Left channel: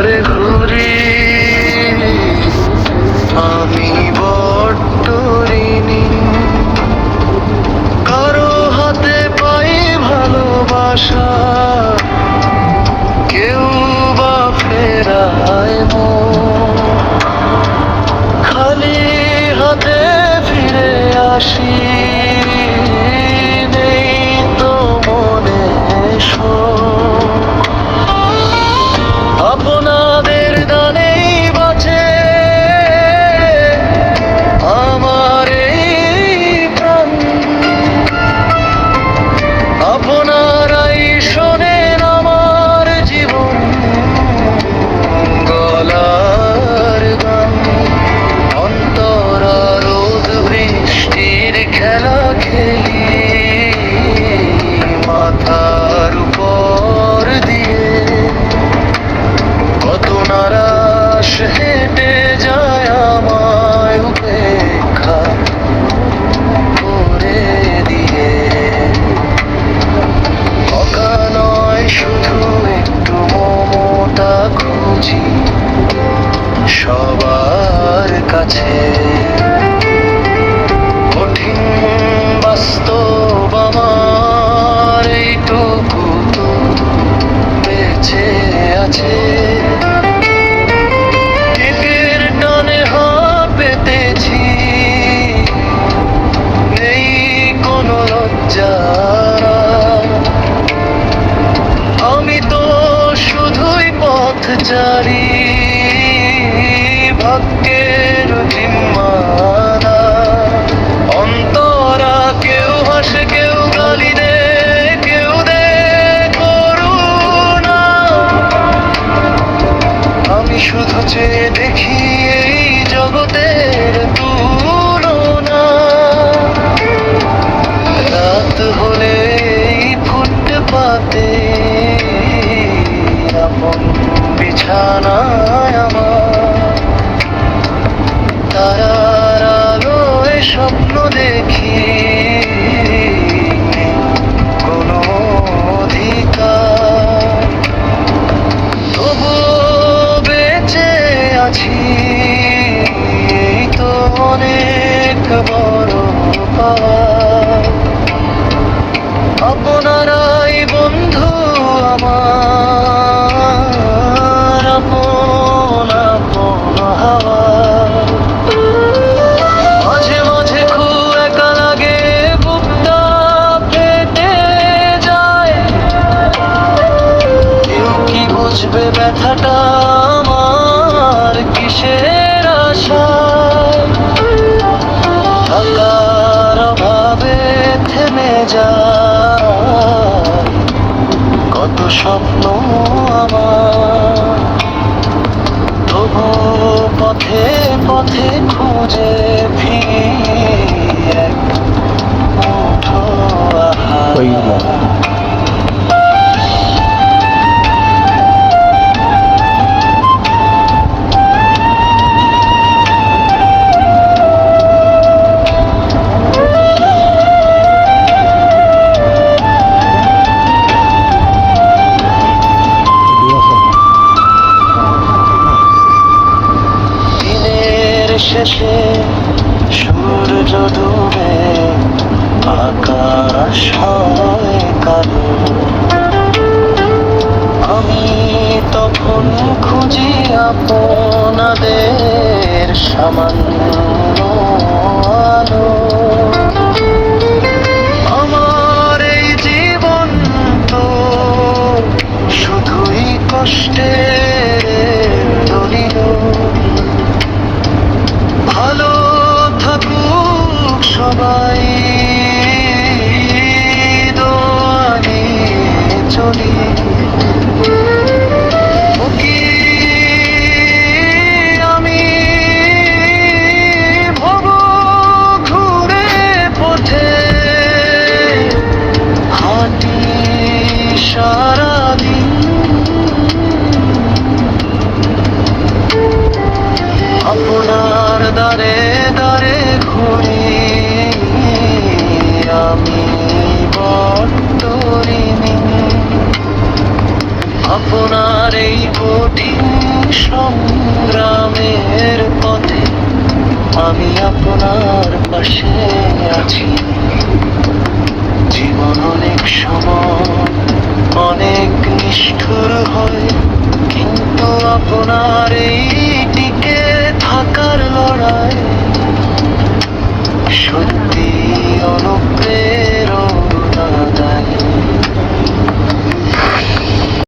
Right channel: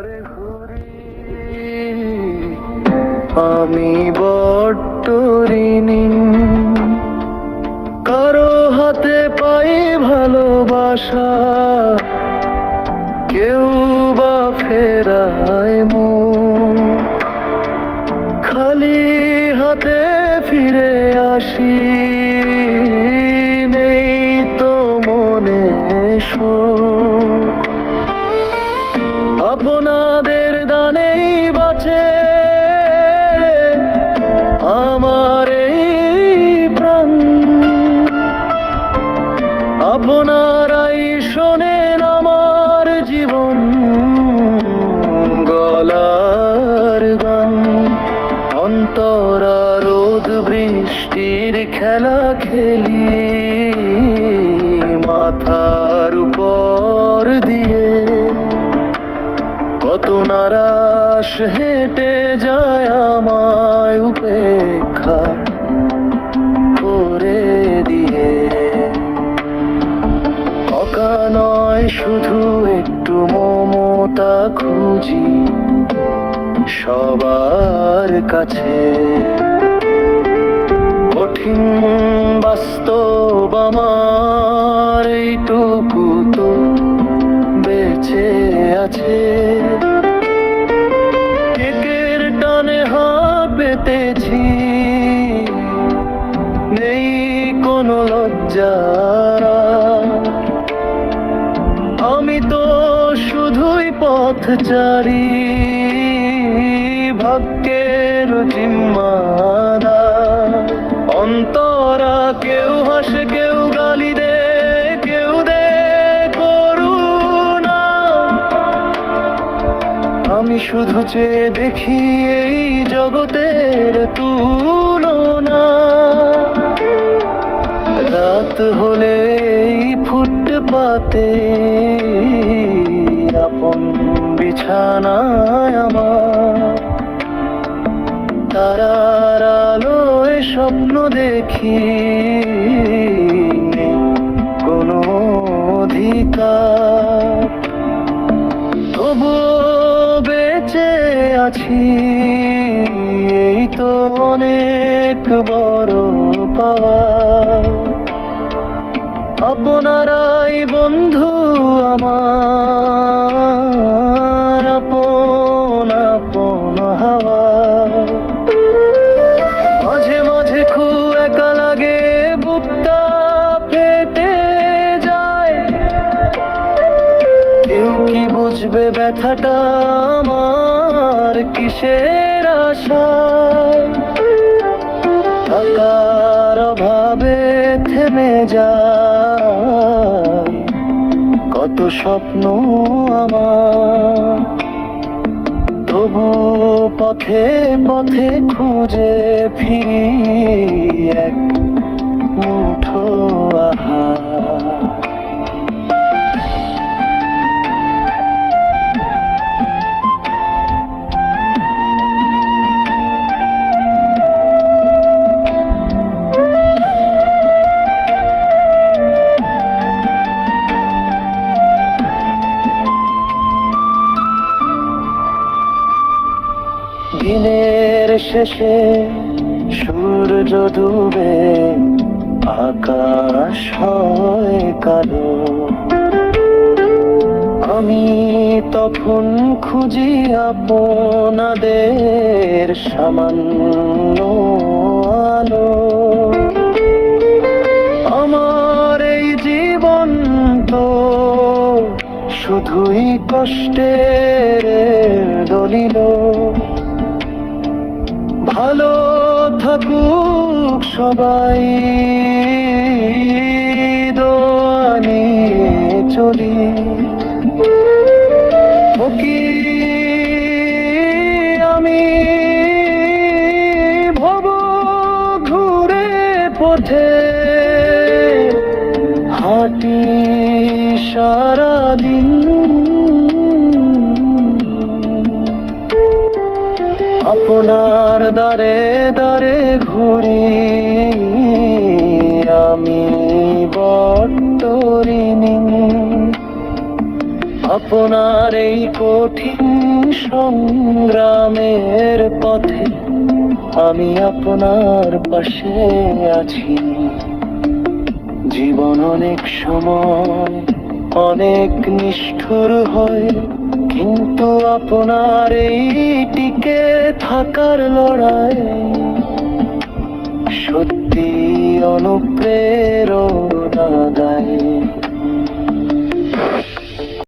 দ্বারে ঘুরি আমি বড্ড ঋণী। কারো হাতে পাই ভালোবাসা, কেউ বা ফেরায় মন। খালি হাতে ফিরে আসি, নেই তো মনে শোক। আপনাদের দানেই বাঁচে আমার এই প্রাণ, আপনারাই শোনেন আমার জীবন গলার গান। অন্তরা রোদ বৃষ্টির খেলা খেলি মাথার উপর দিয়ে। কত নারাশ হেঁটে যায় আমায় উপেক্ষা করে দিয়ে। অকা নয় শুধু একটু মমতা খুঁজি সবার কাছে। কঠিন বাস্তব আমার এইটুকু তো বেঁচে আছে। কেকের টানে হাত পেতেছি, নেই কোনো লজ্জা। আমি তো শুধুই পথচারী, ভাগ্যের জিম্মাদার। অন্তরা কেউ হাসে কেউ গালি দে, কেউ দে করুণা। আমি শুধু চেয়ে দেখি এই জগতের তুলনা। রাত হলে এই ফুটপাতে আপন বিছানায় আমার তারার আলোয় স্বপ্ন দেখি। কোনো অধিকার তবুও বেঁচে আছি, এই তো অনেক বড় পাওয়া। আপনারাই বন্ধু আমার, আপন আপন হাওয়া। মাঝে মাঝে খুব একা লাগে, বুকটা ফেটে যায়। কেউ কি বুঝবে ব্যথাটা আমার, কিসের আশায়। থাকার অভাবে থেমে যায় কত স্বপ্ন আমার। তবু পথে পথে খুঁজে ফিরি এক মুঠো আহার। দিনের শেষে সূর্য ডুবে আকাশ হয় কালো। আমি তখন খুঁজি আপনাদের সামান্য আলো। আমার এই জীবন তো শুধুই কষ্টের দলিল। ভালো থাকুক সবাই, দোয়া নিয়ে চলি। ওকি আমি ভব ঘুরে পথে হাঁটি সারাদিন। আপনার দ্বারে দ্বারে ঘুরি আমি বড্ড ঋণী। আপনার এই কঠিন সংগ্রামের পথে আমি আপনার পাশে আছি। জীবন অনেক সময় অনেক নিষ্ঠুর হয়, কিন্তু আপনার এই টিকে থাকার লড়াই